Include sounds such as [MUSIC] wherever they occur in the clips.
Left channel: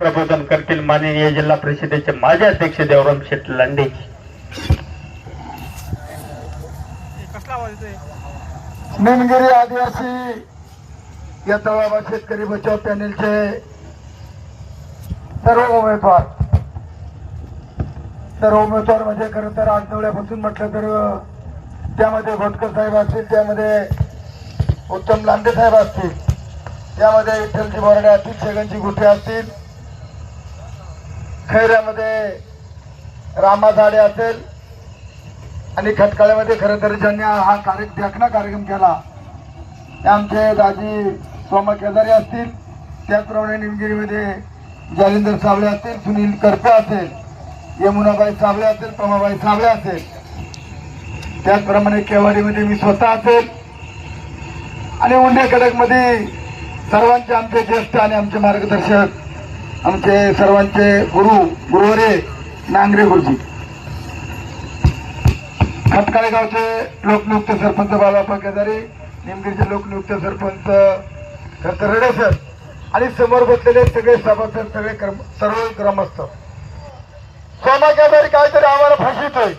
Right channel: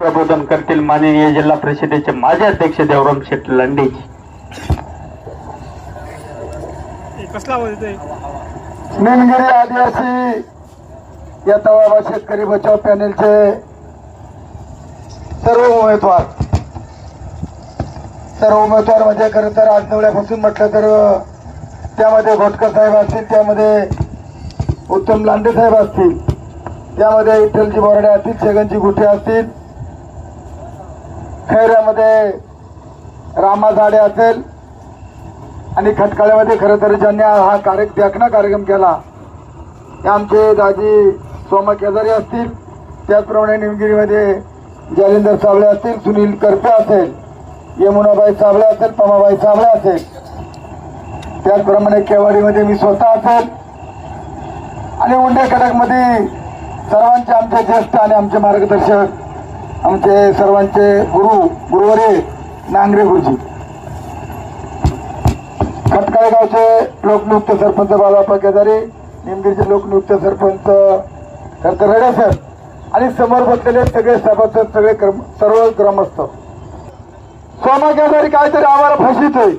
प्रबोधन करतील माननीय जिल्हा परिषदेचे माजी अध्यक्ष देवराम शेठ लांडेजी. निमगिरी आदिवासी या तळावा शेतकरी बचाव पॅनेलचे सर्व उमेदवार सर्व उमेदवार म्हणजे खरं तर आठवड्यापासून म्हटलं तर त्यामध्ये घोटकर साहेब असतील त्यामध्ये उत्तम लांडे साहेब असतील त्यामध्ये विठ्ठलजी बर्डे असतील छगनजी गुठे असतील खैऱ्यामध्ये रामा झाडे असेल आणि खटकाळ्यामध्ये खरं तर ज्यांनी हा कार्य व्याख्या कार्यक्रम केला ते आमचे दाजी सोमा केदारी असतील त्याचप्रमाणे निमगिरीमध्ये जालिंदर साबळे असतील सुनील करपे असेल यमुनाबाई साबळे असेल पमाबाई साबळे असेल. त्याचप्रमाणे केवाडीमध्ये मी स्वतः असेल. आणि उंडे कडकमध्ये सर्वांचे आमचे गोष्ट आणि आमचे मार्गदर्शक आमचे सर्वांचे गुरु गुरुवरे नांगरे गुरुजी. खटकाळे गावचे लोकनियुक्त सरपंच बालापा केदारे निमगिरीचे लोकनियुक्त सरपंच खरं तर रडा सर आणि समोर बसलेले सगळे सभासद सगळे क्रम सर्व ग्रामस्थ. सोमा केदारी काहीतरी आम्हाला फसितोय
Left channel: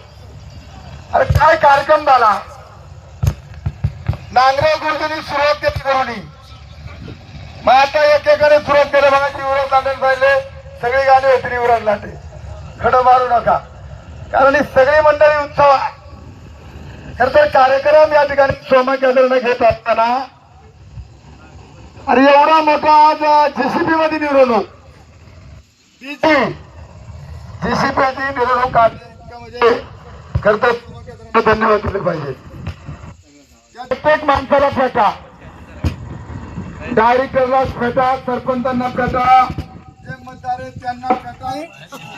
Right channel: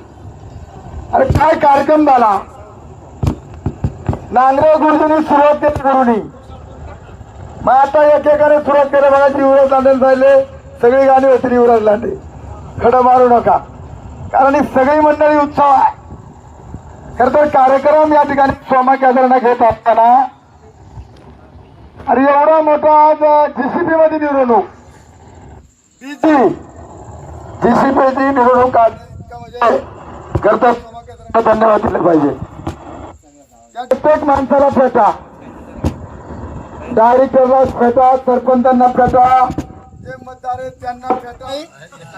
अरे काय कार्यक्रम झाला? नांगरे गुरुजींनी सुरुवात केली गुरुनी. मग आता एकेकाने सुरुवात केलं बघा तीव्र चालेल झाले सगळी गाणी येतील युवराज लांडे खडं मारू नका. कारण ही सगळी मंडळी उत्सव आहे. खर तर कार्यक्रम या ठिकाणी सोमा केंद्रानं घेत असताना अरे एवढा मोठा आज जेसीबी मध्ये निवडणूक. ती जेसीबी निवडणूक म्हणजे धन्यवाद दिले पाहिजे. प्रत्येक माणसाला फेटा डायरेक्टरला फेटा सरपंचांना फेटा जे मतदार आहेत त्यांना फेटा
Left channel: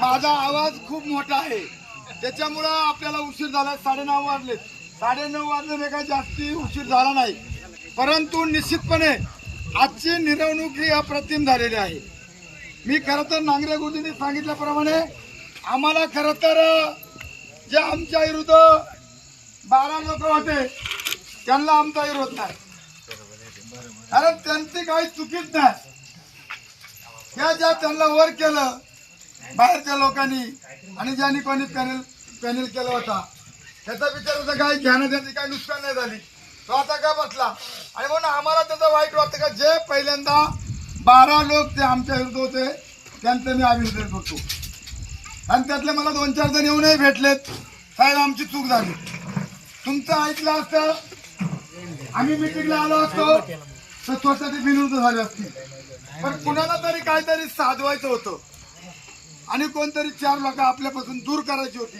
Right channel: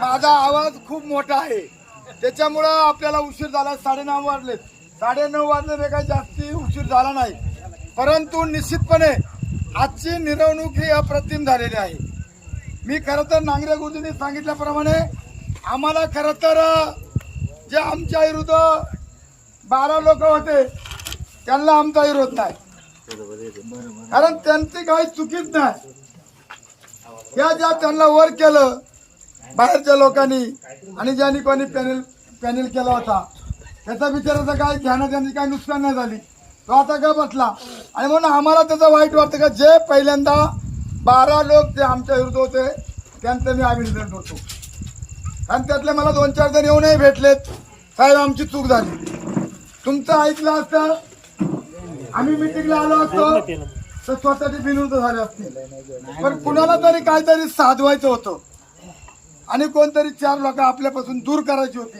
माझा आवाज खूप मोठा आहे. त्याच्यामुळं आपल्याला उशीर झाला. साडेनऊ वाजले. साडेनऊ वाजले काही जास्ती उशीर झाला नाही. परंतु निश्चितपणे आजची मिरवणूक ही अप्रतिम झालेली आहे. मी खरं तर नांगरे गुरुजींनी सांगितल्याप्रमाणे आम्हाला खरं तर जे आमच्या विरुद्ध बारा लोक होते त्यांना आमचा विरोध नाही. कारण त्यांची काही चुकीच नाही. त्या ज्या त्यांना वर केलं बाहेरच्या लोकांनी आणि ज्यांनी कोणी पॅनल पॅनल केला होता त्याचा बिचाराचं काय ध्यान त्यांची काही नुकसान नाही झाली. तो आता का बसला? आणि म्हणून आम्हाला त्याचं वाईट वाटतं का? जे पहिल्यांदा बारा लोक ते आमच्या विरुद्ध होते त्यांचं मी अभिनंदन करतो. आणि त्यातले मला दोन चार जण येऊनही भेटलेत. साहेब आमची चूक झाली. तुमचं ऐकलं असतं आम्ही मिटिंगला आलो असतो. तर स्वतःची बिनूर्द झाली असते. पण कुणाला तरी काहीतरी साधवायचं होतं. आणि कोणतरी चार लोक आपल्यापासून दूर करायची होती.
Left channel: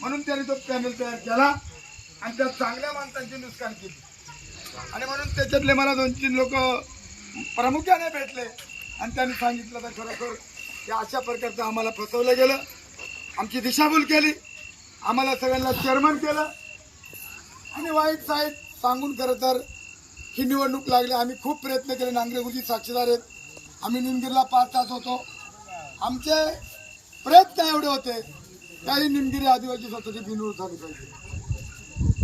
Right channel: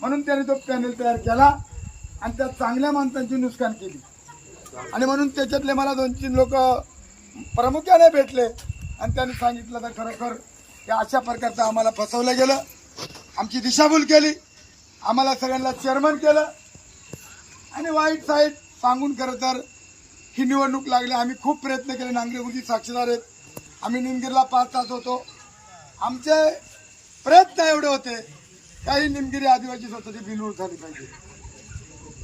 म्हणून त्यांनी तो पॅनल तयार केला आणि त्या चांगल्या माणसांची नुकसान केली. आणि म्हणून त्याच्यातले मला दोन तीन लोक प्रामुख्याने भेटले. आणि त्यांनी सांगितलं तर खरोखर त्या अशा प्रकारचं आम्हाला फसवलं गेलं. आमची दिशाभूल केली. आम्हाला सगळ्यांना चेअरमन केलं. आणि वाईट साईड सांगून खरं तर ही निवडणूक लागली. आम्ही खूप प्रयत्न केले. नांगरे गुरुजी साक्षीदार आहेत. आम्ही निमगिरीला पाच तास होतो. आमचे प्रयत्न एवढे होते. काही निमगिरी आदिवासी स्वतःची बिनूर झाली पाहिजे.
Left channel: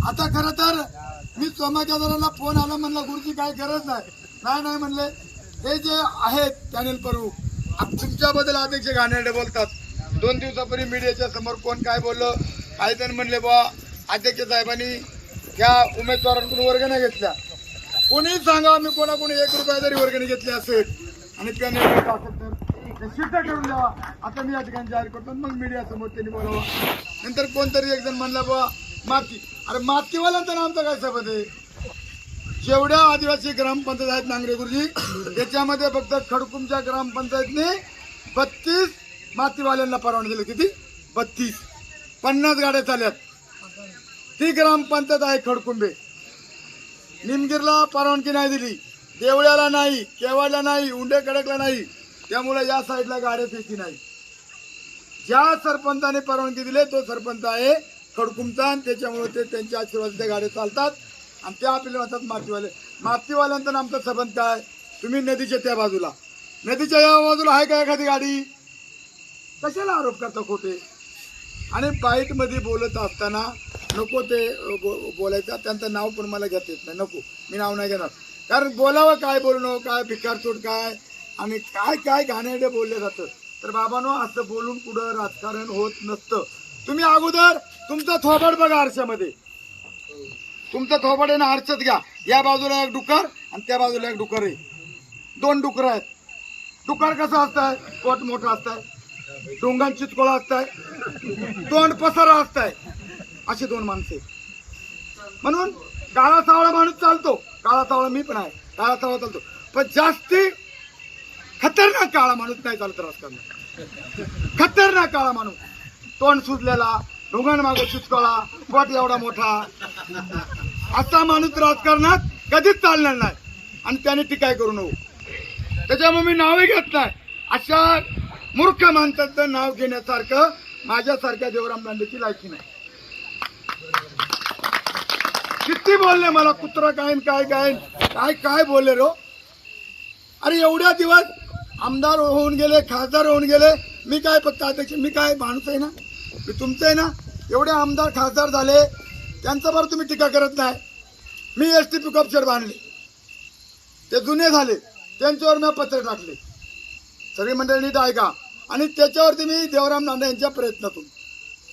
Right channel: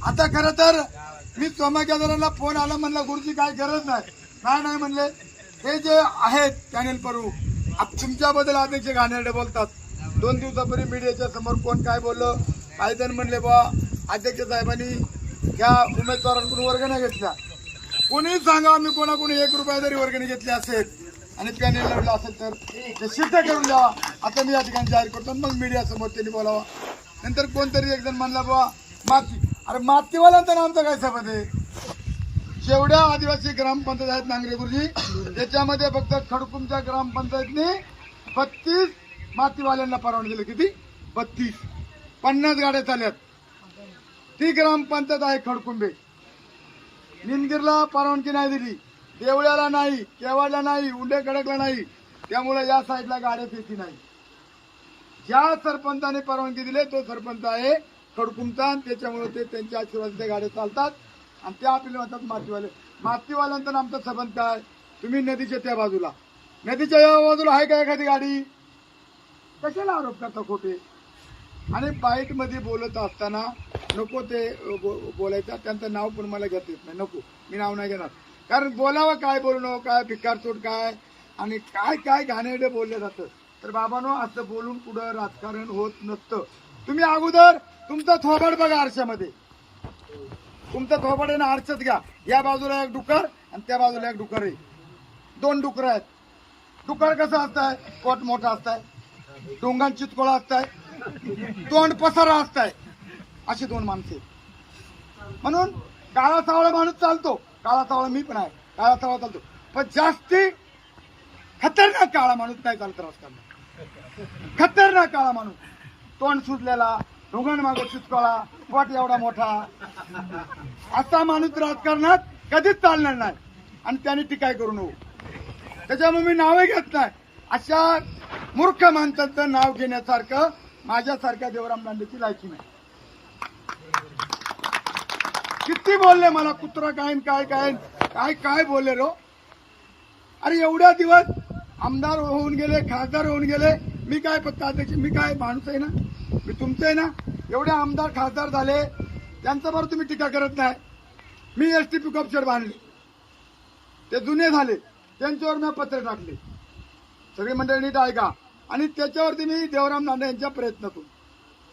आता खरं तर मी सोमा फोन आला म्हणला गुरुजी काय गरज नाही. नाही नाही म्हणले. हे जे आहेत पॅनेल परू तुमच्याबद्दल अध्यक्ष घाणेरडे बोलतात. दोन दिवसापूर्वी मीडियाच्या समोर कोण काय बोललं काही जण म्हणले बा अध्यक्ष साहेबांनी त्या उमेदवारांकडून नाही घेतल्या. कोणी सांगा आम्ही कोणाकोणी एक रुपया जरी वर्गणी घेतली असेल आणि पॅनेल निवडलं असेल तर ते सिद्ध करून द्यावा आता मी या ठिकाणी जाहीर करतो. आणि मग मीडिया समोर त्यांनी बोलावा. नंतर कोणतरी एक जण म्हणला बाबा माती. अरे मातीवाल्यांचा आमचं काय सबंध आहे जेवढ्या आदिवासी ग्रामपंचायत आहेत नांगरे गुरुजी त्याच्यामध्ये फक्त खडकुमच्या ग्रामपंचायतने बत्तीस मातीवाल्यांना परवानगी दिली किती बत्तीस. पन्नास गाड्या चालल्यात. ती ग्रामपंचायत आहे खडकुंबे. निमगिरला परवानगी नाही दिली. देवळ्याला नाही केवाडला नाही उंडे कडकला नाही. त्यामुळे या साईडला गाड्या फेकी नाही. ज्या सरपंचाने परवानगी दिली तो सरपंच आहे खडकुमचा आणि त्याच्यामुळे ते त्यांच्या आशीर्वादाच्या गाड्या चालतात आणि त्या आपल्याला म्हणतात मातीवाले. मातीवाल्यांचा आमचा संबंध आहे. तुम्ही नदीच्या त्या बाजूला. नदीच्या या बाजूला आहे का एखादी गाडी? कशाला आरोप करता खोटे? आणि बाईटमध्ये बोलत असताना नको ते बो- बोलायचं. त्यांचं नाव पण मला घेता येत नाही. नको. मी नाव नाही घेणार. कारण बोलावं काय बोलणं काय भिकारचोट काय आणि काय काय घाणेरडे बोलले जातं तर बाबांनो असं बोलून कुठं राजकारण होत नसतं. तुम्ही अगोदर तुमचा थोबड बघा आरशामध्ये. तुमचा थोबड आहे ना आरशात घ्या. या बाजूला एक डुकर आणि त्या बाजूला एक डुकर आहे. दोन डुकर आहेत. डुकर कसं असतंय? पोट मोठा असतंय. डोंगांची चितकोळा असतंय. तोंड पसारा असताय. अशी दोन माणसे. म्हणून काळा सावळा माणूस चालतो. काळा सावळा मी पण आहे. काळा सावळा चालतो. पण जास्ती खतरनाक काळा माणूस नाही चालत राजकारणात. खतरनाक काळा माणूस. तोंड सुजलेला डोंगान मागो चिचकोळा पोट एवढा मोठा. असा माणूस राजकारणात कधीच चालणार नाही. आणि त्याने टीकाय करू नको त्याच्यामुळे मी नावही घेत नाही. अशा मूर्ख माणसाचं नाव घेण्यासारखं माझ्यासारख्या देवराम दांडेची लायकी नाही. किती बोलले मला कुत्रा काय काय गायन काय काय बोलले रो? अरे एवढ्या दिवस आमदार होऊन गेले खासदार होऊन गेले मी काय फक्त अध्यक्ष मी काय माणूस आहे ना? मी तुमचं आहे ना? एवढे आमदार खासदार झाले त्यांचं बरं तुम्ही टीका करत नाही. मी एस टी पिकअप शेड बांधले. ते जुने झाले त्यांच्यावर मी पत्र टाकले. सगळी मंडळी नीट ऐका. आणि त्याच्यावरती मी देवराम नांदे यांच्या प्रयत्नातून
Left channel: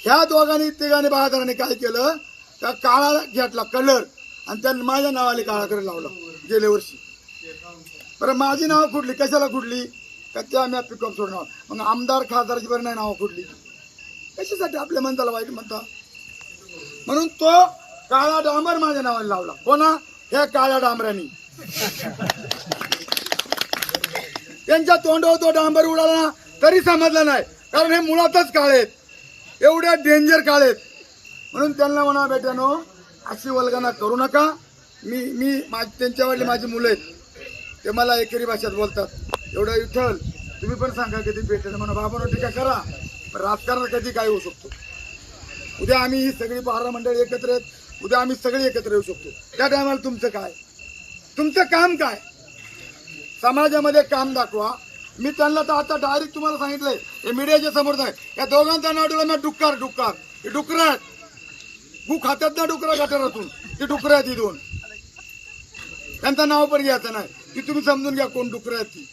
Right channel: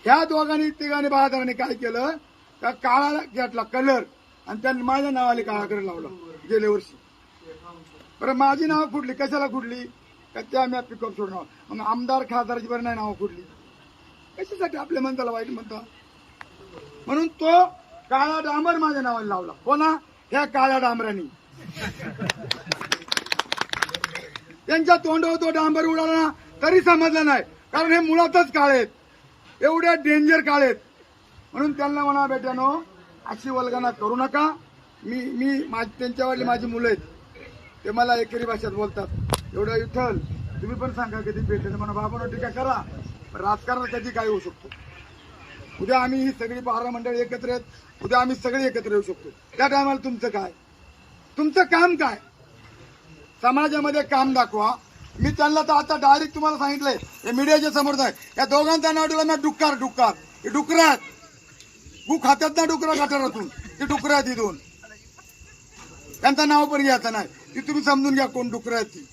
ह्या दोघांनी तिघांनी बहादरांनी काय केलं का काळा घेतला कलर आणि त्या माझ्या नावाने काळाकडे लावला गेल्या वर्षी. बरं माझी नावं कुठली? कशाला कुठली? का त्या मी पिकअप सोडणार मग आमदार खासदाराची बरं नाही नावं कुठली. कशासाठी आपल्या म्हणताला वाईट म्हणता? म्हणून तो काळा डांबर माझ्या नावाने लावला. हो कोणा ह्या काळ्या डांबऱ्यानी त्यांच्या तोंडावर तो डांबर उडाला ना तरी समजलं नाही. कारण हे मुळातच काळे आहेत. एवढे डेंजर काळे म्हणून त्यांना म्हणा बेट्यानो अशी वल्गना करू नका. मी मी माझ त्यांच्यावरली माझी मुलं आहेत. ते मला एकेरी भाषेत बोलतात. एवढं विठ्ठल तुम्ही पण सांगा कधी भेटेल. म्हणा बाबा टीका करा. पण राजकारणात कधी काय होऊ शकतो? उद्या आम्ही ही सगळी बारा मंडळी एकत्र आहेत. उद्या आम्ही सगळे एकत्र येऊ शकतो. त्या टायमाला तुमचं काय? तुमचं काम काय? समाजामध्ये काम दाखवा. मी त्यांना तर आता डायरेक्ट तुम्हाला सांगितलंय. हे मीडियाच्या समोर आहे या दोघांचा नाव ठेवलं ना डुक्कार डुक्कार. हे डुकर आहेत. गु खात्यात ना डुकरा गटारातून. ते डुकरं आहेत ही दोन त्यांचं नाव पण घ्यायचं नाही. ती तुम्ही समजून घ्या कोण डुकरं आहेत ती.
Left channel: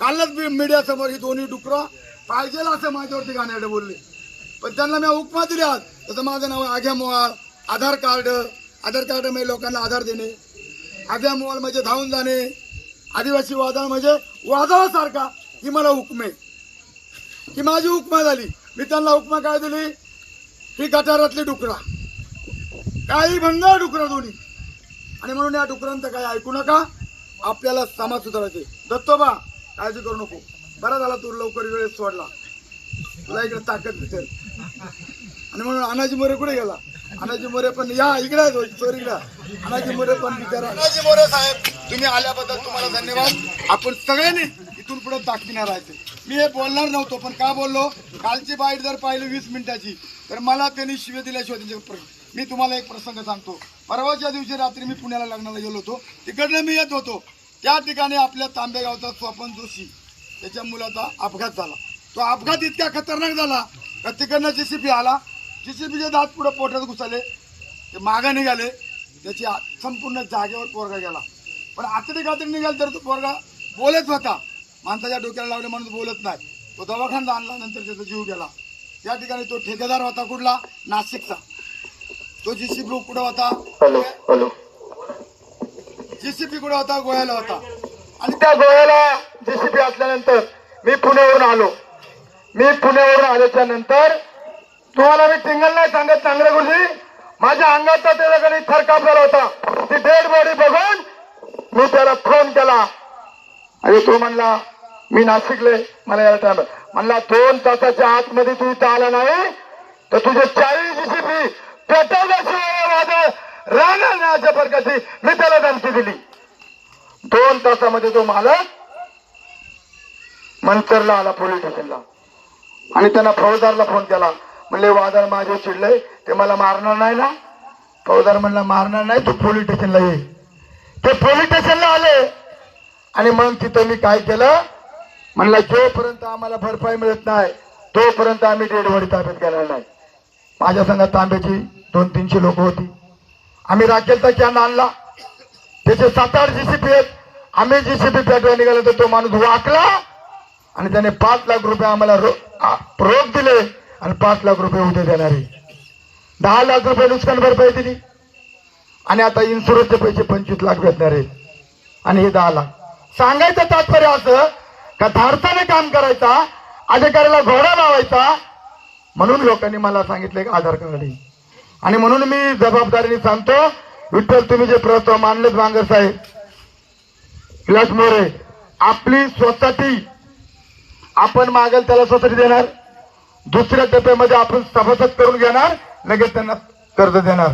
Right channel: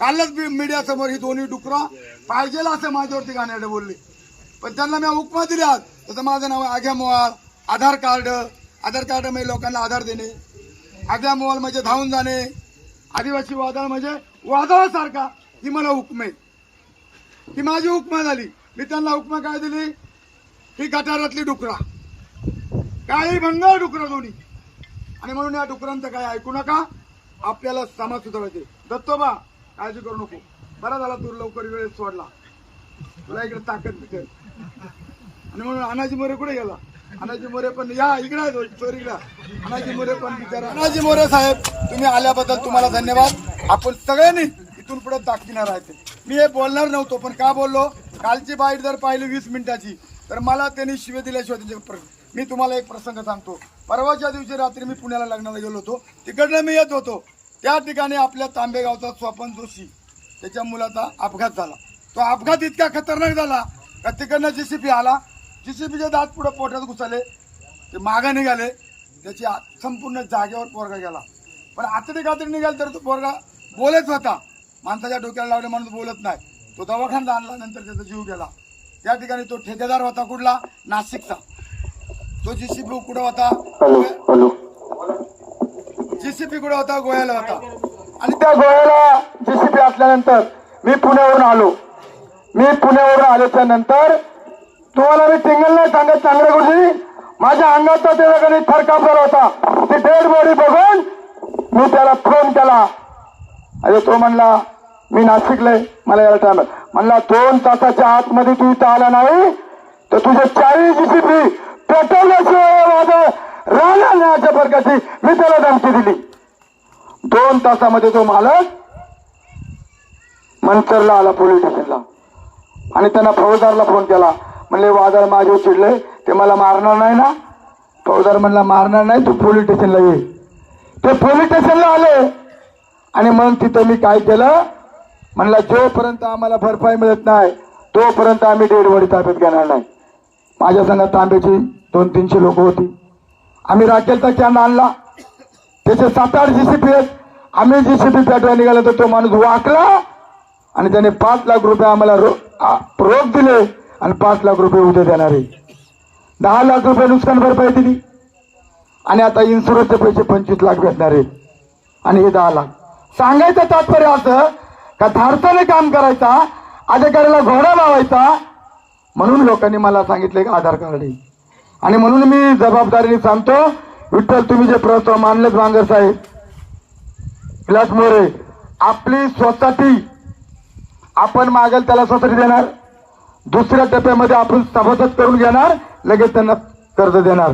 कालच मीडिया समोर ही दोन्ही डुकरं पाहिजे असं माझ्यावरती गाण्याकडे बोलले. पण त्यांना मी उपमा दिली आज. तसं माझं नाव आहे आग्या आधार कार्ड. आधार कार्ड म्हणजे लोकांना आधार देणे. आग्या मोहाळ म्हणजे धावून जाणे. आदिवासी वादळ म्हणजे वादळासारखा ही मला हुकमे. ही माझी हुकमा झाली. मी त्यांना हुकमा काय दिली? ही गटारातली डुकरा. काही भंगार डुकरा दोन्ही. आणि म्हणून या डुकरांचं काय ऐकू नका आपल्याला समाज सुधारायचे. दत्तोबा काळजी करू नको. बरा झाला तू लवकर वेळेस सोडला. तुला इकडे ताकद भेटेल. आणि म्हणून अनाजी मोरे कुठे गेला? अनाजी मोरे पण या इकडे आहे अनाजी मोरे पण अनाजी मोरे साहेब तुम्ही आल्याबद्दल तुम्हाला धन्यवाद. आपण सगळ्यांनी इथून पुढे दाखविणार राहायचे मी हे बोलणार नव्हतो पण का बोललो? कालची बाईट जर पाहिली वीस मिनिटाची तर मला त्यांनी शिवे दिल्याशिवाय त्यांचे मी तुम्हाला एक प्रसंग सांगतो. परवाच्या दिवशी रात्री मी पुण्याला लग्नाला गेलो होतो. तिकडनं मी येत होतो. त्या ठिकाणी आपल्या तांबेगावचा स्वपन जोशी त्याच्या मुलाचा अपघात झाला. तो अपघात इतका खतरनाक झाला का तिकडनं जेसीपी आला जेसीपीचे दात पुढे पोटात घुसले ते मागं निघाले त्याची संपूर्ण जागेवर पोरगा गेला पण आतडी कातडी निघाल तर तो पोरगा बोलत होता माणसाच्या डोक्याला लावले माणूस बोलत नाही। तो दवाखान्यात आणला नंतर त्याचा जीव गेला। त्या ठिकाणी तो ठेकेदार होता कुठला? नाशिकचा। तो जेसीपी कुठं होता? जेसीपी कुठं होता? गोव्याला होता. आणि त्या गोव्याला जेसीपी असल्यानंतर मी पुण्यावरून आलो. मी पुण्यावरून आल्याच्यानंतर तुम्हाला मी सिंगल नाही सांगत चांगल्या गोष्टी. माझ्या अंगाचा त्याच्याकडे फरकाफर होता. ते डेड बॉडी बघून मी त्याला फोन केला. अरे तो म्हणला मी नाशिकले मला यायला टाइम म्हणला दोन तासाच्या आतमध्ये तू इथं आला नाही तर तुझ्या चाळीस जीसीपी पेट्रोलशिवाय फरकाची मी त्याला धमकी दिली. दोन तासामध्ये तो मालक मंचरला आला पोलीस स्टेशनला. आणि त्यांना फौजदारला फोन केला. म्हणले वादळ माझे चिडलंय ते मला मारणार नाही ना? फौजदार म्हणला मारणार नाही तू पोलीस स्टेशनला ये. ते पोलीस स्टेशनला आले. आणि मग तिथे मी काय केलं? म्हणला जोपर्यंत आम्हाला भरपाई मिळत नाही तोपर्यंत आम्ही डेडवडी ताब्यात घेणार नाही. माझ्या संघात तांब्याची दोन तीनशे लोक होती. आम्ही राखेलचा कॅम्प आणला. त्याचे सात आठ जीसीपी आहेत. आम्ही जीसीपी सी पेटवा निघाला तर तो माणूस वाकला आणि त्याने पाच लाख रुपये आम्हाला रोख रोख दिले. आणि पाच लाख रुपये उद्या देणार आहे. दहा लाख रुपये नुकसान भरपाई दिली. आणि आता इन्शुरन्सचे पैसे पंचवीस लाख भेटणार आहेत आणि हे दहा लाख. सांगायचं तात्पर्य असं का धारसाने काम करायचा अधिकाऱ्याला घोडा लावायचा. म्हणून लोकांनी मला सांगितलं की आधार कार्ड आहे. आणि म्हणून मी जबाबदारीने सांगतो विठ्ठल तुम्ही जे प्रस्ताव मानलेच मांगर साहेब विलास मोरे आपली स्वतःची आपण मागेल त्याला स्वतःची देणार. दुसऱ्या टप्प्यामध्ये आपण सभासद करून घेणार लगेच त्यांना कर्ज देणार.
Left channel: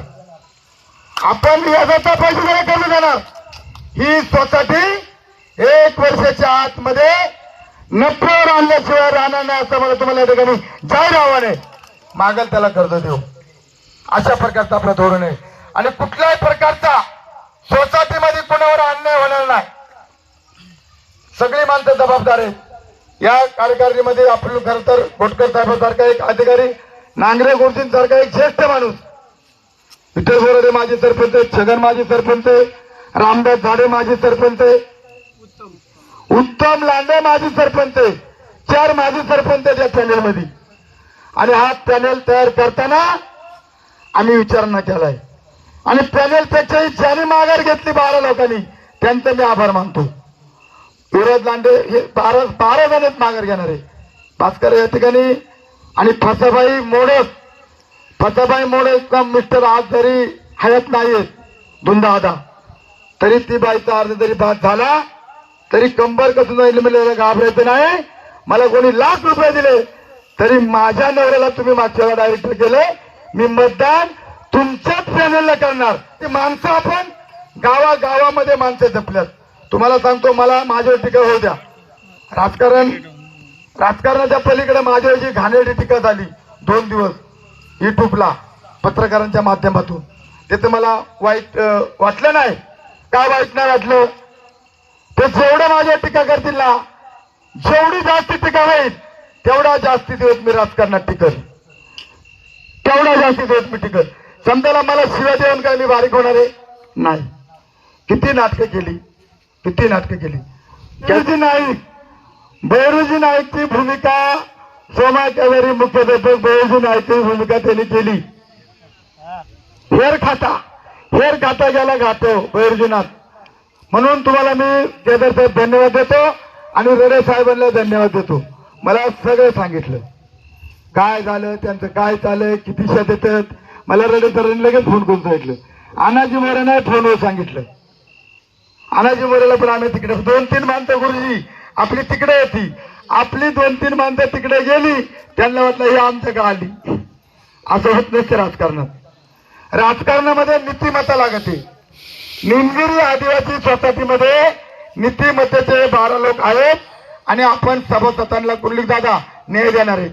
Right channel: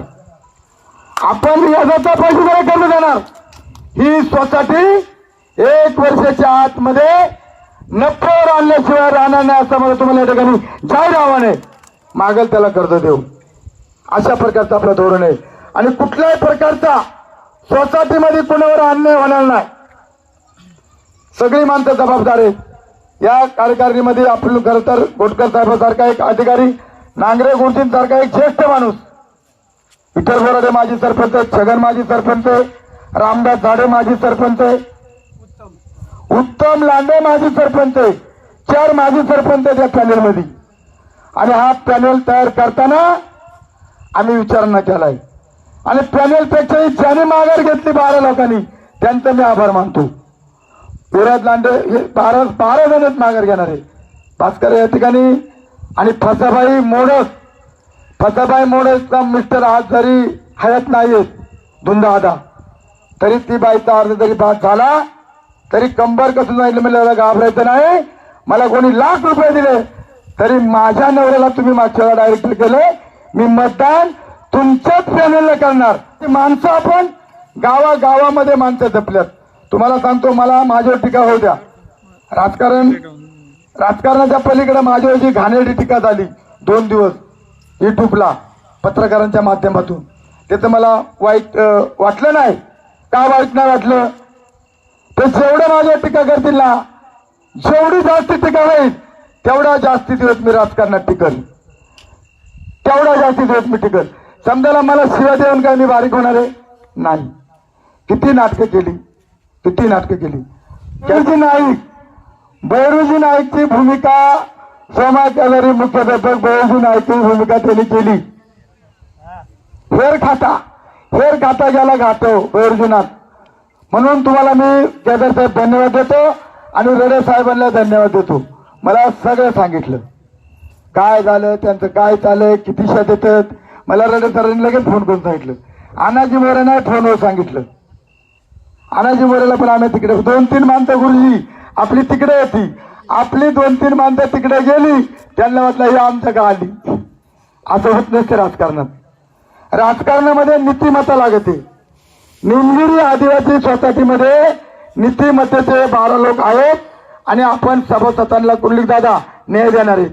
आपण व्याजाचा पैसे कर्ज देणार. ही सोसायटी एक वर्षाच्या आतमध्ये नफ्यावर आणल्याशिवाय राहणार नाही असं मला तुम्हाला या ठिकाणी जाहीर आव्हान आहे. मागेल त्याला कर्ज देऊ. अशा प्रकारचं आपलं धोरण आहे. आणि कुठल्याही प्रकारचा सोसायटीमध्ये कुणावर अन्याय होणार नाही. सगळी माणसं जबाबदार आहेत. या कार्यकारिणीमध्ये आपण खर तर गोटकर साहेबांसारखा एक अधिकारी नांगरे गुरुजींसारखा एक ज्येष्ठ माणूस. विठ्ठल बोराडे माजी सरपंच छगन माजी सरपंच रामदास झाडे माजी सरपंच उत्तम लांडे माजी सरपंच चार माजी सरपंच आहेत या पॅनेलमध्ये. आणि हा पॅनेल तयार करताना आम्ही विचारणा केलाय. आणि पॅनेलपेक्षाही ज्याने माघार घेतली बारा लोकांनी. त्यांचं मी आभार मानतो. विराज लांडे हे बारा बारा जण माघार घेणार आहे. भास्कर या ठिकाणी आणि फसाबाई मोडक फसाबाई मोडकचा मिस्टर आज जरी हयात नाहीयेत धुंदादा. तरी ती बाईचा अर्ज जरी बाद झाला तरी कंबर कसं नाही मला घाबरायचं नाही. मला कोणी लाख रुपये दिले तरी माझ्या नवऱ्याला तुम्ही मागच्या डायरेक्टर केलंय मी मतदान तुमच्याच पॅनेलला करणार. ती माणसं आपण गावागावामध्ये माणसं जपल्यात. तुम्हाला सांगतो मला माझ्यावर टीका होऊ द्या. राजकारण राजकारणाच्या पलीकडे माझ्यावर जी घाणेरडी टीका झाली दोन दिवस युट्यूबला पत्रकारांच्या माध्यमातून त्याचं मला वाईट वाटलं नाही. काय वाईट नाही वाटलं? ते जेवढं माझ्या टीका करतील ना जेवढी जास्त टीका होईल तेवढा जास्तीत दिवस मी राजकारणात टिकल तेवढा जास्तीत दिवस मी टिकल समजायला मला शिवा देऊन काय मी बारीक होणार आहे? नाही. किती नाटकं केली? किती नाटकं केली. केजी नाईक बैरूजी नाईकची भूमिका सोमा कॅलरी मुख्याध्यापक बैरूजी नाईकची भूमिका त्यांनी केली. हेर खाता हेर खाता ज्याला गातो बैरूजीनाथ म्हणून तुम्हाला मी केदार साहेब धन्यवाद देतो आणि रडे साहेबांना धन्यवाद देतो. मला सगळं सांगितलं. काय झालं त्यांचं काय चाललंय किती शेत येतात मला रडे सरांनी लगेच फोन करून सांगितलं. अनाजी मोरेने फोनवर सांगितलं. अनाजी मोरेला पण आणत तिकडे. दोन तीन माणसं गुरुजी आपली तिकडे होती आपली दोन तीन माणसं तिकडे गेली त्यांना वाटलं ही आमच्या का आली असं होत नसतं राजकारणात. राजकारणामध्ये नीतिमत्ता लागते. निमगिरी आदिवासी सोसायटीमध्ये नीतिमत्तेचे बारा लोक आहेत आणि आपण सभासदांना कुंडलिक दादा न्याय देणार आहेत.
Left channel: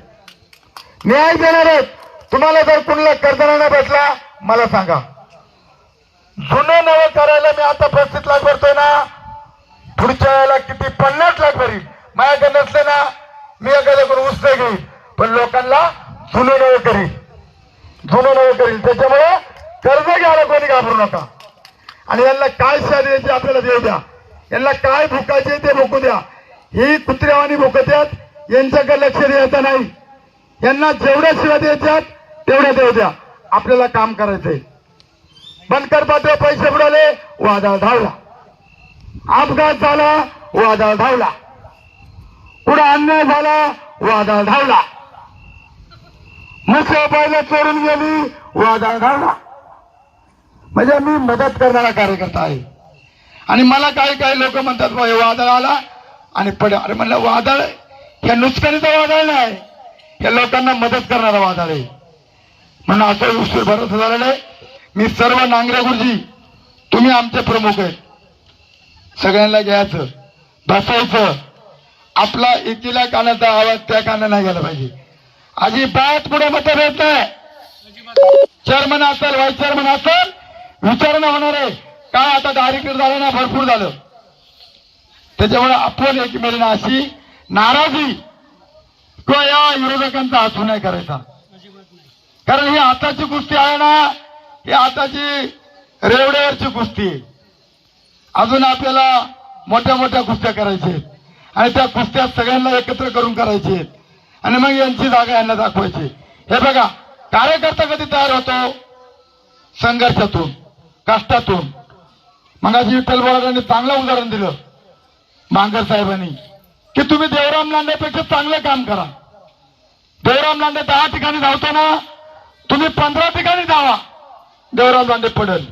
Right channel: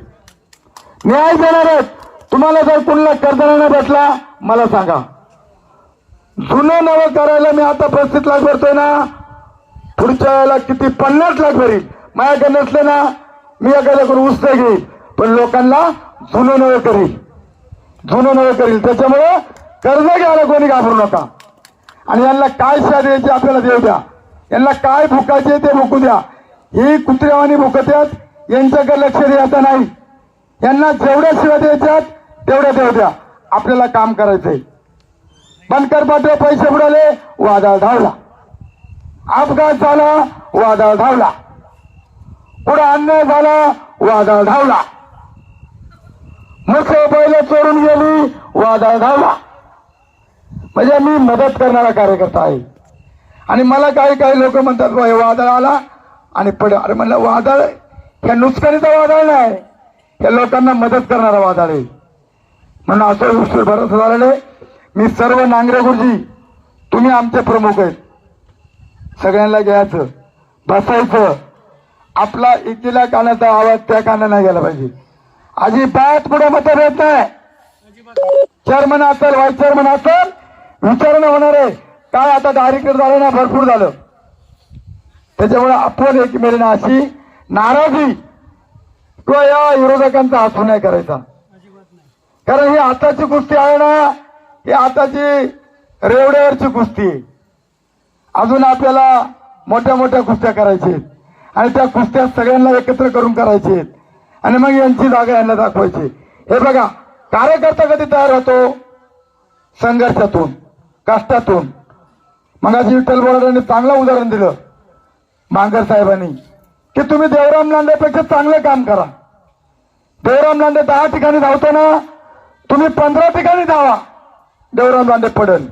न्याय देणार आहेत. तुम्हाला जर कुंडला कर्ज बसला मला सांगा. जुने नवे करायला मी आता पस्तीस लाख पुढच्या वेळेला किती पन्नास लाख भरील? माझ्याकडे नसलं ना मी एखाद्याकडून उस्त घेईल. पण लोकांना जुनं नवं करील. जुनं नवं करील. त्याच्यामुळे कर्ज घ्यायला कोणी घाबरू नका. आणि यांना काय साधायचे आपल्याला देऊ द्या. यांना काय भुकायचे ते भुकू द्या. ही कुत्र्यावानी भुकत्यात यांच्याकडे लक्ष द्यायचं नाही. यांना जेवढ्या सेवा द्यायच्यात तेवढ्या देऊ द्या. आपल्याला काम करायचंय. बनकर पाठवे पैसे बुडाले वादळ धावला अपघात झाला वादळ धावला पुढे अन्याय झाला वादळ धावला मुख्य बैल चोरून गेली वादळ धावला म्हणजे मी मदत करणारा कार्यकर्ता आहे. आणि मला काही काही लोक म्हणतात हे वादळ आला. आणि पड अरे म्हणलं वादळ हे नुकसानीचा वादळ नाही हे लोकांना मदत करणारा वादळ आहे. म्हणून असं उशीर भरोसा झालेलं मी सर्व नांगरे गुरुजी तुम्ही आमचे प्रमुख आहेत. सगळ्यांना घ्यायचं बसायचं. आपला एकीला कानाचा आवाज त्या काना नाही गेला पाहिजे. अजिबात पुढे मतभेद नाही. चेअरमन असेल व्हाईस चेअरमन असेल विचारणं होणार आहे. काय आता दारीकडे झालं ना भरपूर झालं. त्याच्यामुळे आपण एकमेकांना अशी नाराजी किंवा या विरोधकांचा हसू नाही करायचा. कारण ही आताची कुस्ती आहे ना ही आताची रेवड्यावरची कुस्ती आहे. अजून आपल्याला मोठ्या मोठ्या कुस्त्या करायचे आणि त्या कुस्त्या सगळ्यांना एकत्र करून करायचे आणि मग यांची जागा यांना दाखवायची हे बघा कार्यकर्ता कधी तयार होतो? संघर्षातून कष्टातून. मगाशी विठ्ठल बोराडांनी चांगलं उदाहरण दिलं. मांगर साहेबांनी की तुम्ही देवराम लांडेपेक्षा चांगलं काम करा. देवराम लांडे दहा ठिकाणी धावतो ना तुम्ही पंधरा ठिकाणी धावा. देवराम लांडे पडेल.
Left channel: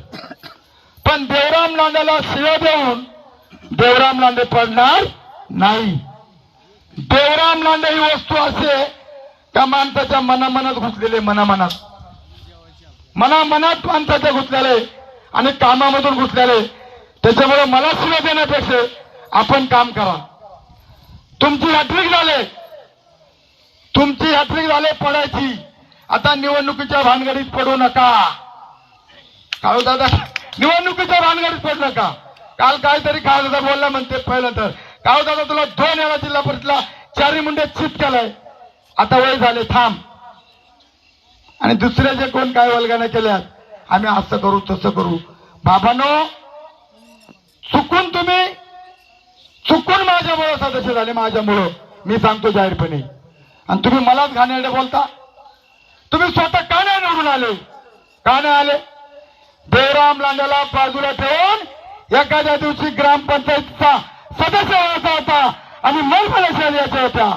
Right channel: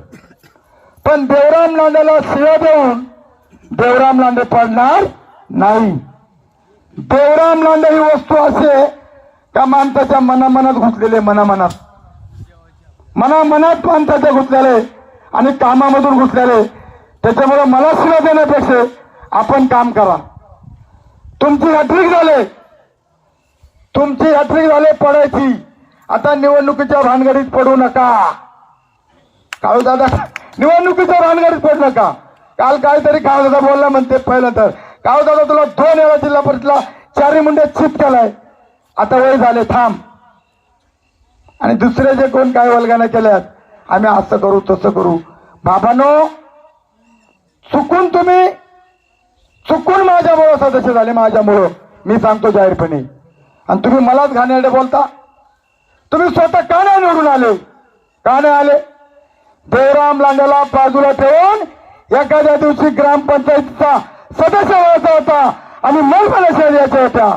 पण देवराम लांडेला शिव देऊन देवराम लांडे पडणार नाही. देवराम लांडे ही वस्तू असे त्या माणसाच्या मनामनात घुसलेले मनामनात. मनामनात माणसाच्या घुसलेले आणि कामामधून घुसलेले. त्याच्यामुळे मला शिव देण्यापेक्षा आपण काम करा. तुमची हॅट्रिक झाले. तुमची हॅट्रिक झाले पडायची. आता निवडणुकीच्या भानगडीत पडू नका. काळू दादा. निवडणुकीच्या भानगडीत पडू नका काल काहीतरी काळू दादा बोलला म्हणते पहिलं तर काळू दादा तुला दोन वेळा जिल्हा परिषदला चारी मुंडे चिप केलाय. आता वय झाले थांब. आणि दुसरे जे कोण काय वल्गाना केल्यात आम्ही असं करू तसं करू. बाबानो चुकून तुम्ही चुकून माझ्यामुळं सदस्य झाले माझ्यामुळं मी सांगतो जाहीरपणे. आणि तुम्ही मलाच घाणेरडे बोलता. तुम्ही स्वतः का नाही निवडून आले. का नाही आले. जयराम लांडेला बाजूला ठेवून एखाद्या दिवशी ग्रामपंचायतीचा सदस्य व्हायचा होता आणि मग सदस्य यायच्या होत्या.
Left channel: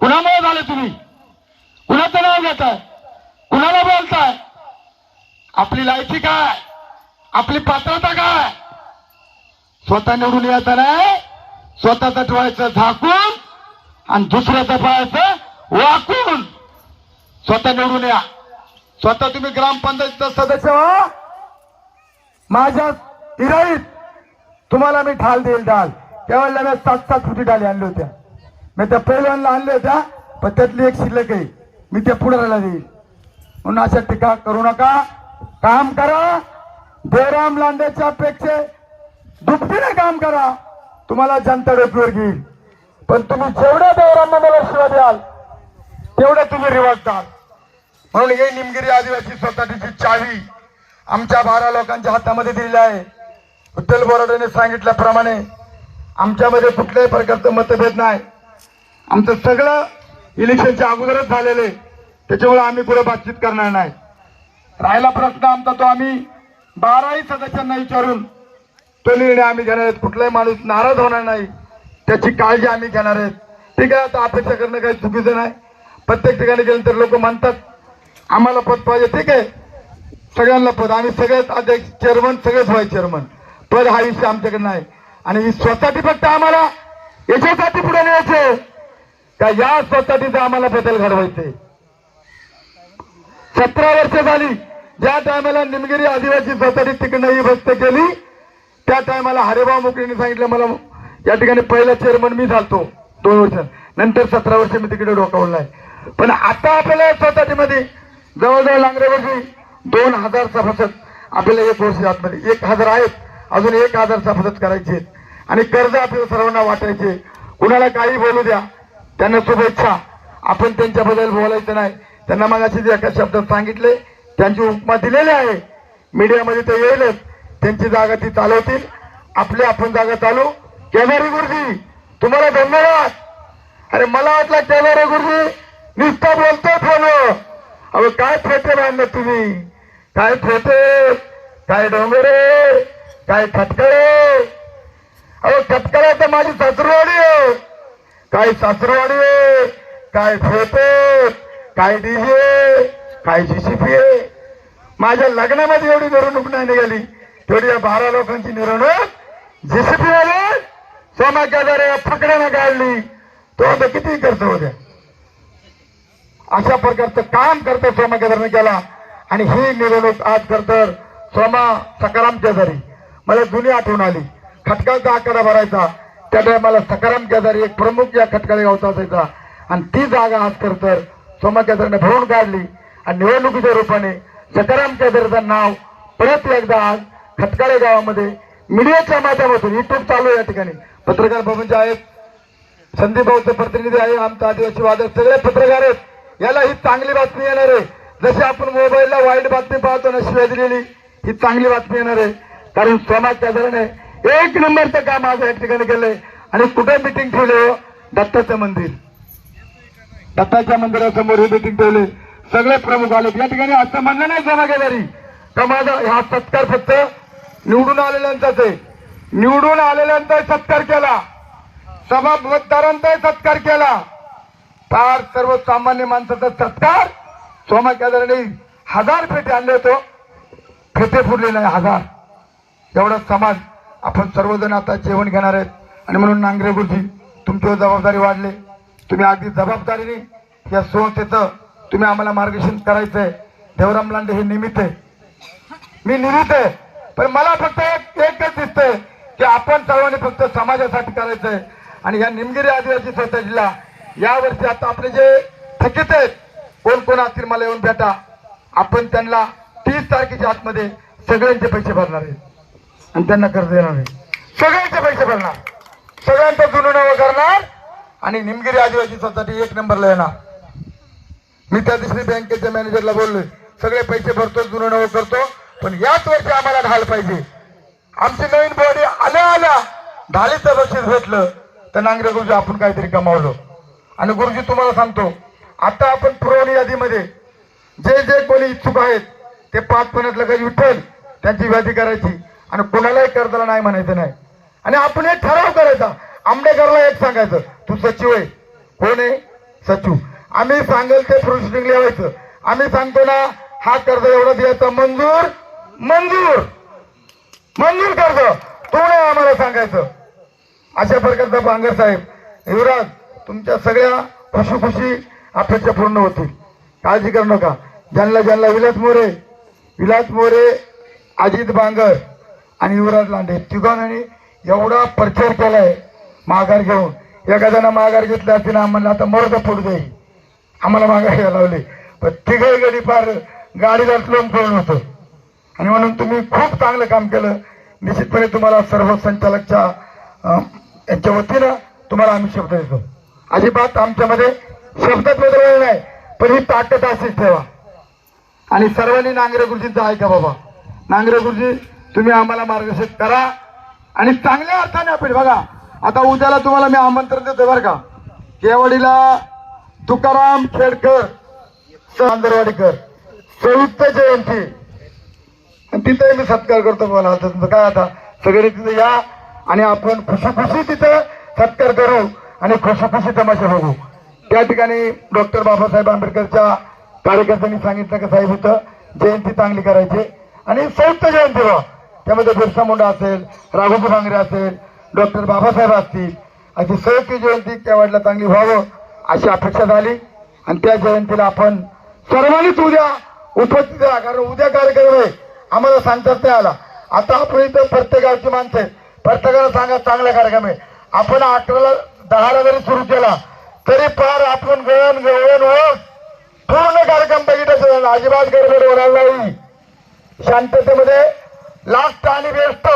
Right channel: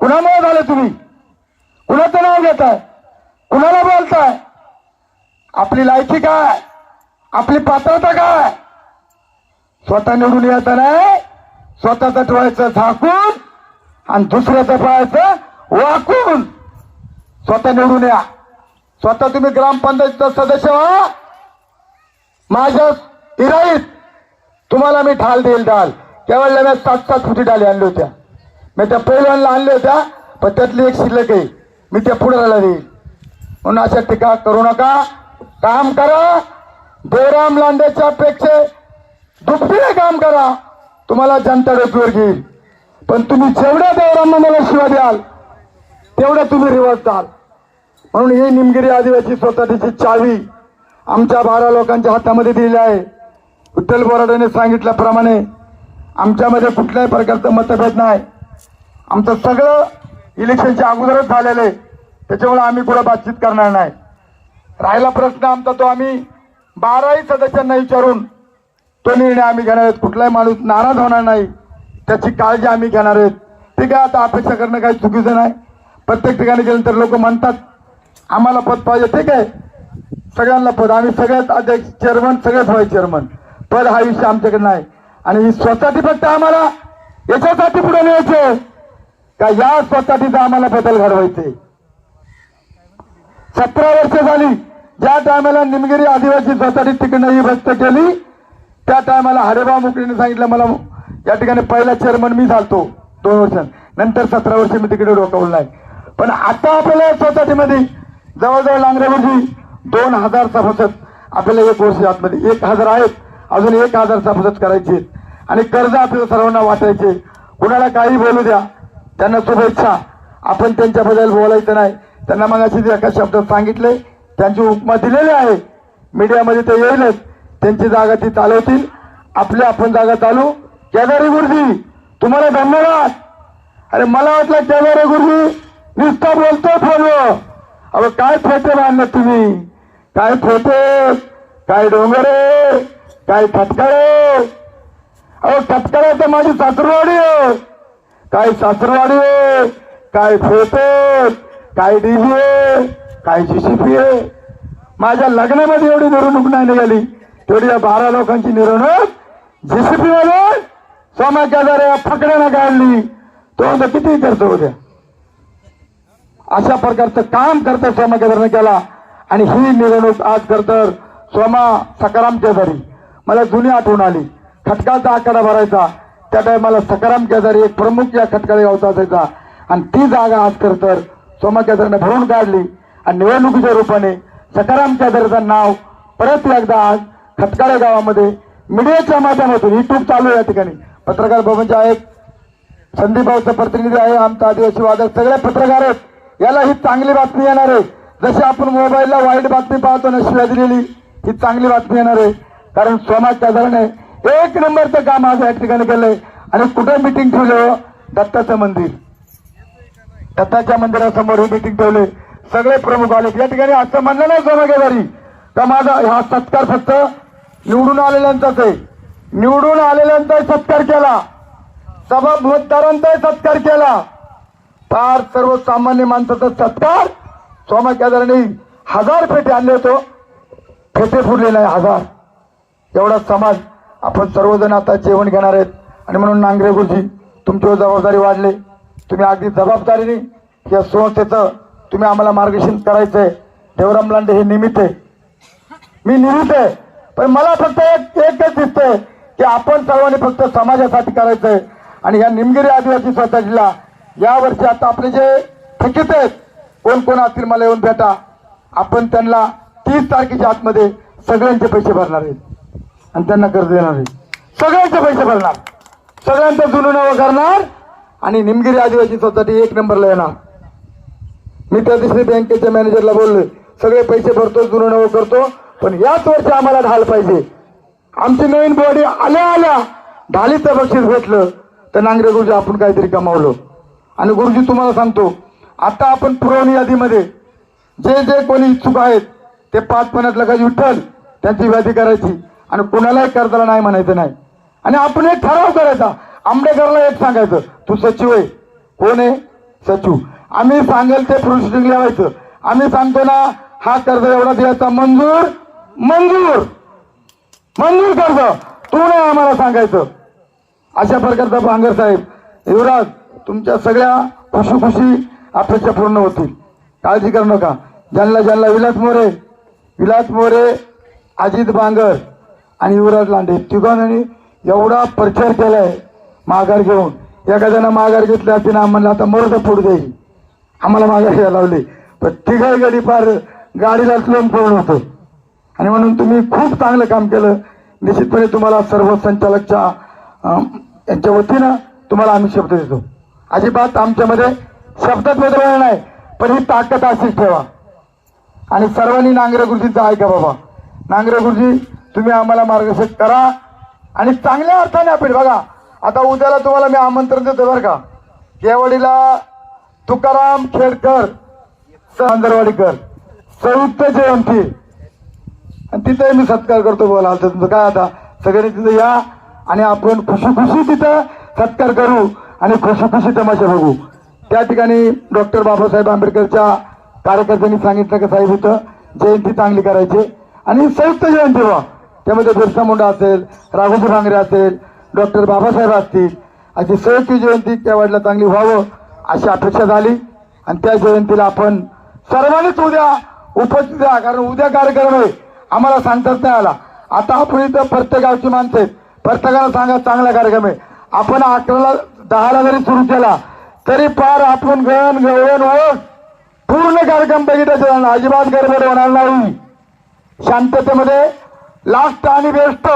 कुणामुळे झाले तुम्ही? कुणाचं नाव घेताय? कुणाला बोलताय? आपली लायकी काय? आपली पात्रता काय? स्वतः निवडून यायचं नाही स्वतःचं ठेवायचं झाकून आणि दुसऱ्याचं ठेवायचं वाकून स्वतः निवडून या. स्वतः तुम्ही ग्रामपंचायतचा सदस्य व्हा. माझ्या इराईत तुम्हाला मी ढाल देईल ढाल. त्यावेळेला मी सात सात फुटी ढाली आणल्या होत्या. मी त्या पहिल्यांदा आणल्या होत्या पण त्यातली एक शिल्लक आहे. मी त्या पुढाला देईल म्हणून अशा टीका करू नका. काम करा. देवराम लांडेच्या पेक्षा दुपटीने काम करा. तुम्हाला जनता डोकीवर घेईल. पण तुम्ही जेवढ्या देवरांना मला शिवा द्याल तेवढ्या तुम्ही रिवर्स द्याल. म्हणून हे निमगिरी आदिवासी सोसायटीची चावी आमच्या बारा लोकांच्या हातामध्ये दिलेलं आहे. विठ्ठल बोराडेने सांगितल्याप्रमाणे आमच्यामध्ये कुठल्याही प्रकारचं मतभेद नाही. आमचं सगळं इलेक्शनच्या अगोदरच झालेलं आहे. त्याच्यामुळे आम्ही कुठं बातचीत करणार नाही. राहिला प्रश्न आमचा तो आम्ही बाराही सदस्यांना विचारून तो निर्णय आम्ही घेणार आहोत. कुठलाही माणूस नाराज होणार नाही. त्याची काळजी आम्ही घेणार आहेत. ठीक आहे आता अपेक्षा करणं काही चुकीचं नाही. प्रत्येक ठिकाणी गेल्यानंतर लोक म्हणतात आम्हाला पद पाहिजे. ठीक आहे. सगळ्यांना पद. आम्ही सगळ्यात अध्यक्ष चेअरमन सगळेच व्हायचे चेअरमन पद हा विषय आमच्याकडे नाही. आणि ही फक्त आम्हाला याच्यासाठी पुढे न्यायचे का या सोसायटीचा आम्हाला बदल घडवायचे? सतरा वर्ष झाली ज्या टायमाला निमगिरी आदिवासी स्वतःची तिकडनं विभक्त केली त्या टायमाला हरेबा मुकडीने सांगितलं मला या ठिकाणी पहिला चेअरमन मी झालतो. दोन वर्ष. नंतर सतरा वर्ष मी तिकडे डोकावलं नाही पण आता आपल्याला सोसायटीमध्ये जवळजवळ लांगरेमध्ये दोन हजारचा बचत आपल्याला एक वर्ष आतमध्ये. एक हजार आहेत अजून एक हजारचा बचत करायचे आणि कर्ज आपल्याला सर्वांना वाटायचे. कुणाला काही बोलू द्या त्यांना शुभेच्छा. आपण त्यांच्याबद्दल बोलायचं नाही. त्यांना मग अशी एका शब्दात सांगितले त्यांची उपमा दिलेली आहे. मीडियामध्ये ते येईलच. त्यांची जागा ती चालवतील. आपली आपण जागा चालू. केदारी गुरुजी तुम्हाला धन्यवाद. अरे मला वाटलं केदारी गुरुजी नुसता बोलतो फोन अगं काय फोटो बांधलं तुम्ही? काय फोटे काय डोंगरे काय खटकाळे अहो खटकाळा तर माझी सासरवाडी काय सासरवाडी काय फोटे काय डीजे काय जीसीपी माझ्या लग्नामध्ये एवढी मिरवणूक नाही निघाली. तेवढी या बारा लोकांची मिरवणूक जेसीपी वाले सोमा केदारे फकड्यानं काढली. तो आता किती करतो होत्या अशा प्रकारचं काम करतो सोमा केदारनं केला. आणि ही मिरवणूक आज करतर सोमा सकाराम केदारी मला जुनी आठवण आली. खटकाचा आकडा भरायचा. त्या टायमाला सकाराम केदारी एक प्रमुख या खटकाळी गावचा असायचा आणि ती जागा आज करतर सोमा केदारीने भरून काढली. आणि निवडणुकीच्या रूपाने सकाराम केदारीचं नाव परत एकदा आज खटकाळे गावामध्ये मीडियाच्या माध्यमातून युट्यूब चालू आहे या ठिकाणी. पत्रकार भवनचे आहेत. संदीप भाऊचं प्रतिनिधी आहे आमचा आदिवासी वादळ सगळे पत्रकार आहेत. याला ही चांगली बातमी येणार आहे. जशी आपण मोबाईलला वाईट बातमी पाहतो ना शिवाय दिलेली ही चांगली बातमी येणार आहे. कारण समाज साधारण एक नंबरचं काम आज या ठिकाणी केलंय. आणि कुठे मिटिंग ठेवलं हो? दत्ताचं मंदिर. दत्ताच्या मंदिरासमोर हे मिटिंग ठेवले सगळे प्रमुख आले. या ठिकाणी असं म्हणलं नाही जनागेदारी. तर माझा हा सत्कार फक्त निवडून आलेल्यांचाच आहे. निवडून आलेल्यांचाही सत्कार केला. सभा सत्कार केला. तर सर्वसामान्य माणसाचा सत्कार सोमा हजार पेटे आणले होतो. फेटे फुरले नाही हजार. एवढा समाज आपण सर्वजण आता जेवण घेणार आहेत. आणि म्हणून नांगरे गुरुजी तुमची जबाबदारी वाढले. तुम्ही अगदी जबाबदारीने या संस्थेचं तुम्ही आम्हाला मार्गदर्शन करायचंय. देवराम लांडे हे निमित्त आहे. मी निमित्त आहे. पण मला फक्त एक एकच दिसतंय की आपण सर्वांनी फक्त समाजासाठी करायचंय. आणि या निमगिरी आदिवासी सोसायटीला यावर्षी आता आपले जे थकीत आहेत कोण कोण असतील मला येऊन भेटा आपण त्यांना तीस तारखेच्या आतमध्ये सगळ्यांचे पैसे भरणार आहेत. आणि त्यांना कर्ज देणार आहे सगळ्यांचे पैसे भरणार. सगळ्यांचे जुनं करणार आणि निमगिरी आदिवासी सोसायटी एक नंबरला येणार. मी त्या दिवशी बँकेच्या मॅनेजरला बोलले सगळे पैसे भरतो जुनं करतो पण याच वर्षी आम्हाला ढाल पाहिजे. आमची नवीन बॉडी आल्या आल्या ढालीचं बक्षीस भेटलं. तर नांगरे गुरुजी आपण काहीतरी कमावलं. आणि गुरुजी तुम्हाला सांगतो आता आपण पुरवणी यादीमध्ये जे जे कोणी इच्छुक आहेत ते पाच पन्नास लाखाची विठ्ठल त्यांची यादी करायची. आणि कोणालाही कर्जाला नाही म्हणायचं नाही. आणि आपण एक ठराव करायचा. आंबेडकरला एक सांगायचं तू सचिव आहे. कोण आहे? सचिव. आम्ही सांगाल ते प्रोसिडिंग लिहायचं आम्ही सांगतो ना हा कर्ज एवढा द्यायचा मंजूर मंजूर मंजूर कर्ज. तू नाही आम्हाला सांगायचं. अशा प्रकारचं भांगर साहेब युवराज तुमच्या सगळ्या खुशी खुशी अपेक्षा पूर्ण होतील काळजी करू नका. ज्यांना ज्यांना विलास मोरे विलास मोरे अजित बांगर आणि युवराज लांडे तिघांनी एवढा प्रचार केलाय माघार घेऊन. एका जण माघार घेतली असती ना म्हणलं आता मरद पुढे जाईल. आम्हाला माघार घ्यायला लावले. पण तिघाही गडी फार गाडीला स्लोम पळून होतं. आणि म्हणून तुम्ही खूप चांगलं काम केलं. निश्चितपणे तुम्हाला सर्व संचालकच्या यांच्या वतीनं तुम्हाला आम्ही शब्द देतो. अजिबात आमच्यामध्ये शब्दात बदल नाही पण ही ताकद अशीच ठेवा. आणि सर्वांनी नांगरे गुरुजींचं ऐका बाबा. नांगरे गुरुजी तुम्ही आम्हाला मार्गदर्शन करा आणि चांगल्या अर्थाने आपण बघा आता उद्याला तुम्हाला मी आमंत्रण देतो बरं का. केवडीला तुकाराम खेडकर चांदरवाडीकर संयुक्त जयंती. आणि तिथे मी सत्कार करतो बोला आता तुमचं काय आता सगळे तिथे या आणि आपण खुशी खुशी तिथं सत्कार करू आणि खुशी खुशी तमाशा बघू. त्या ठिकाणी डॉक्टर बाबासाहेब आंबेडकरच्या कार्यकर्त्यांनी सांगितलं की साहेब होतं जयंती चांगली करायची. आणि संयुक्त जयंती व्हा त्यामध्ये बिरसा मुंडा असेल राघोजी भांगरे असेल डॉक्टर बाबासाहेब असतील. अशी संयुक्त जयंती केवळला चांगली व्हावं अशी अपेक्षा झाली. आणि त्या जयंतीला आपण सर्वांनीच उद्या उपस्थित राहा कारण उद्या कार्यक्रम आहे. आम्हाला सांगताच नाही आला. आता आपण इथं प्रत्येक गावची माणसं आहेत. प्रत्येकाला सांगा चांगला कार्यक्रम आहे. आपण अकराला दहाला जरी सुरू केला तरी पार आपण गण गवळण होऊन पूर्ण कार्यक्रम बघितला. अजिबात गडबड होणार नाही. शांततेमध्ये लास्ट आणि बेस्ट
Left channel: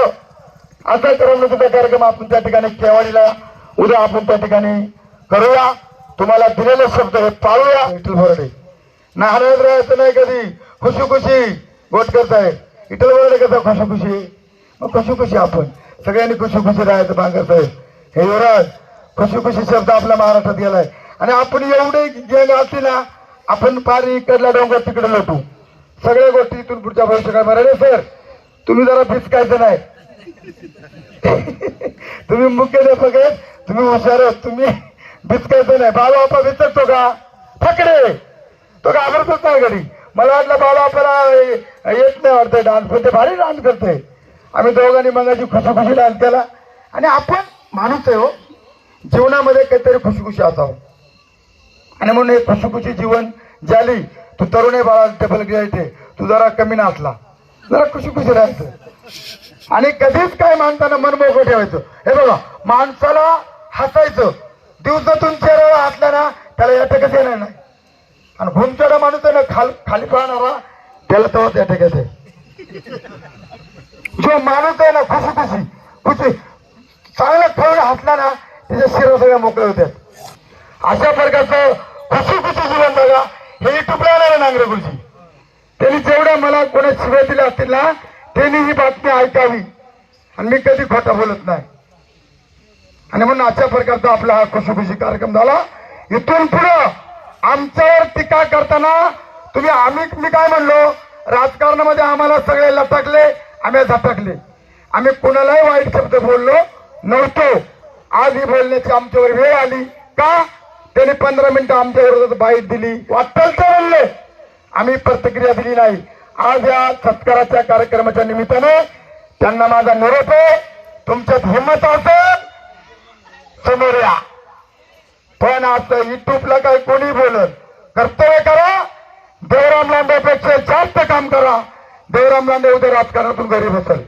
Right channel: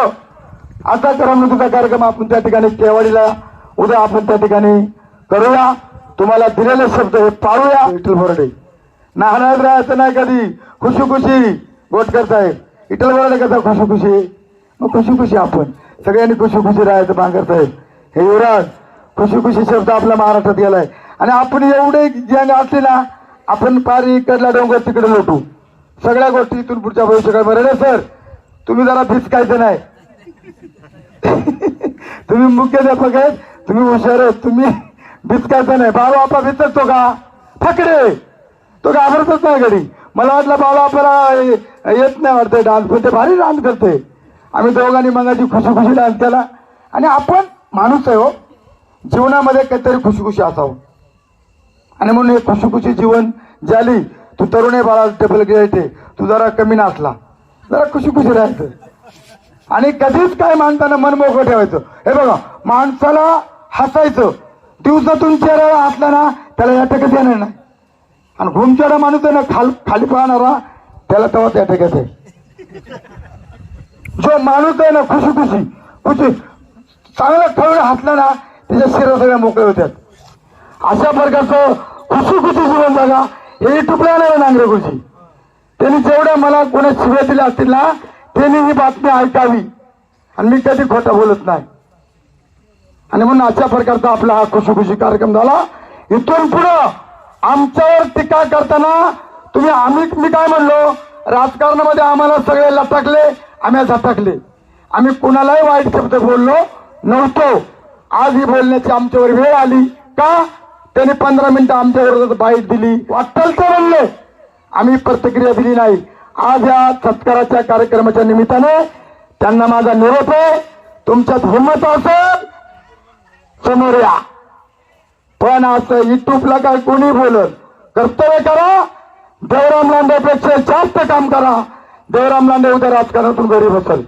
असा करमणुकीचा कार्यक्रम आपण त्या ठिकाणी केवाडीला उद्या आपण त्या ठिकाणी करूया. तुम्हाला दिलेले शब्द हे पाळूया. विठ्ठल बोराडे. नाहणार राहायचं नाही कधी. खुशी खुशी गोटकर साहेब. विठ्ठल बोराडे कसं खुशी खुशी मग खुशी खुशी आपण. सगळ्यांनी खुशी खुशी राहायचं बांगर साहेब. हे युवराज खुशी खुशी शब्द आपल्या महाराष्ट्रात गेलाय. आणि आपण एवढे गँग असले ना आपण पार इकडला डोंगर तिकडे लोटू सगळ्या गोष्टी इथून पुढच्या भविष्यकाळमध्ये ना सर तुम्ही जरा भिसकायचं नाही. [LAUGHS] तुम्ही मुख्याध्यापक आहेत. तुम्ही हुशार आहेत. तुम्ही भिसकायचं नाही. बाबा बापा भिसकतो का? फकडे तो घाबरतच नाही घरी? मला वाटलं बाबा आपल्याला येत नाही वाटतं डान्स पण ते भारी डान्स करते आम्ही दोघांनी मगाची खुशी खुशी डान्स केला. आणि आपण माणूस आहे हो. जीवनामध्ये काहीतरी खुशी खुशी असावं. आणि म्हणून हे खुशी खुशी जीवन ज्याली तू तरुण बाळा टेबल गेले तू जरा कमी नाचला. जरा खुशी खुशी राहायचं. आणि कधीच काय माणसाला मन ठेवायचं. हे बघा माणसाला हसायचं. दिवसातून चेहऱ्यावर हसला ना त्याला या ठिकाणी येणार नाही. आणि घुमचेडा माणूस आहे ना खाल खाली पळणारा त्याला तेव्हा या ठिकाणी आहे. जो माणूस आहे ना खुशी खुशी खुशी चांगला फळ हसला ना त्याच्या शिरा सगळ्या मोकळे होतात अशा प्रकारचं खुशी खुशी जीवन बघा हे टिपले नाही नांगरे खुशी. त्यांनी जेवढं मला कोणा शिव्या दिल्या असतील ना त्यांनी ही बातमी ऐकावी. आणि मी कधी खोटं बोलत नाही. आणि म्हणून अशा प्रकारचा आपला हा खुशी खुशी कार्यक्रम झाला. इथून पुढं आमच्यावर टीका करताना तुम्ही आम्ही मी काय म्हणलो? राजकारणामध्ये आम्हाला सगळे टाकले आम्ही झटकले आम्ही कुणालाही वाईट शब्द बोललो नव्हतो. आज ही बोलण्याची आमच्यावर वेळ आली. का? त्यांनी पंधरा मिनिटं आमच्यावर विरोधात बाईट दिली. वाटल तर म्हणले. आम्ही प्रतिक्रिया दिली नाही. आज या सत्काराच्या कार्यक्रमाच्या निमित्ताने त्यांना माझा निरोप आहे. तुमच्यात हिंमत असेल समोर या. पण असं युट्यूबला काय कोणी बोलत कर्तव्य करा. देवराम लांडेपेक्षा जास्त काम करा. देवराम लांडे उद्या राजकारणातून गरीब असेल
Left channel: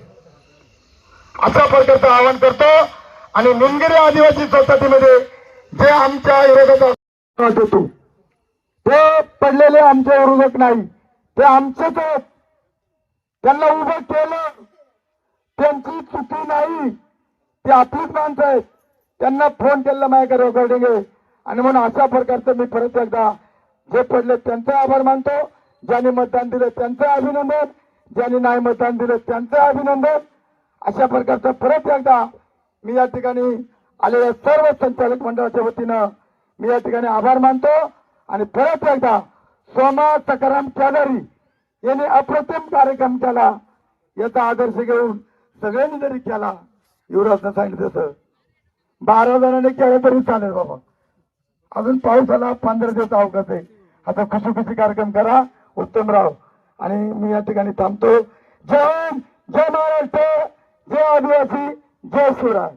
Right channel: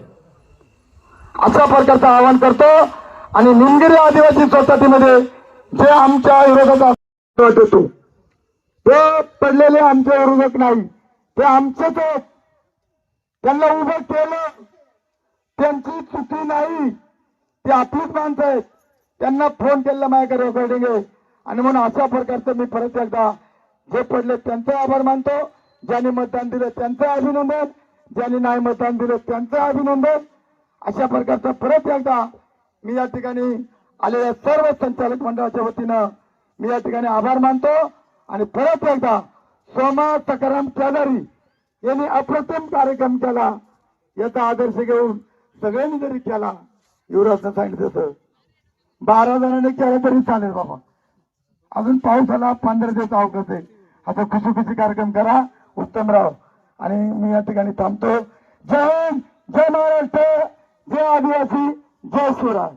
अशा प्रकारचं आवाहन करतो. आणि निंगिरी आदिवासी सोसायटीमध्ये जे आमच्या विरोधात देतो ते पडलेले आमचे विरोधक नाही ते आमचेच आहेत. त्यांना उभं केलं त्यांची चुकी नाही ते आपलीच माणसं आहेत. त्यांना फोन केलेला माझ्याकडे रेकॉर्डिंग आहे. आणि म्हणून अशा प्रकारचं मी परत एकदा जे पडले त्यांचा आभार मानतो. ज्यांनी मतदान दिलं त्यांचं अभिनंदन. ज्यांनी नाही मतदान दिलं त्यांचं अभिनंदन. अशा प्रकारचं परत एकदा मी या ठिकाणी आलेल्या सर्व संचालक मंडळाच्या वतीनं मी या ठिकाणी आभार मानतो. आणि परत एकदा सोमा सकाराम चौधरी यांनी अप्रतिम कार्यक्रम केला. याचा आदर्श घेऊन सगळ्यांनी जरी केला युवराजनं सांगितलं तसं. बारा जणांनी केलं तरी चालेल बाबा. अजून पाऊस आला पंधरा दिवस अवकाश आहे. आता खुशी खुशी कार्यक्रम करा उत्तमराव आणि मी या ठिकाणी थांबतो. जय हिंद जय महाराष्ट्र जय आदिवासी. जय शिवराय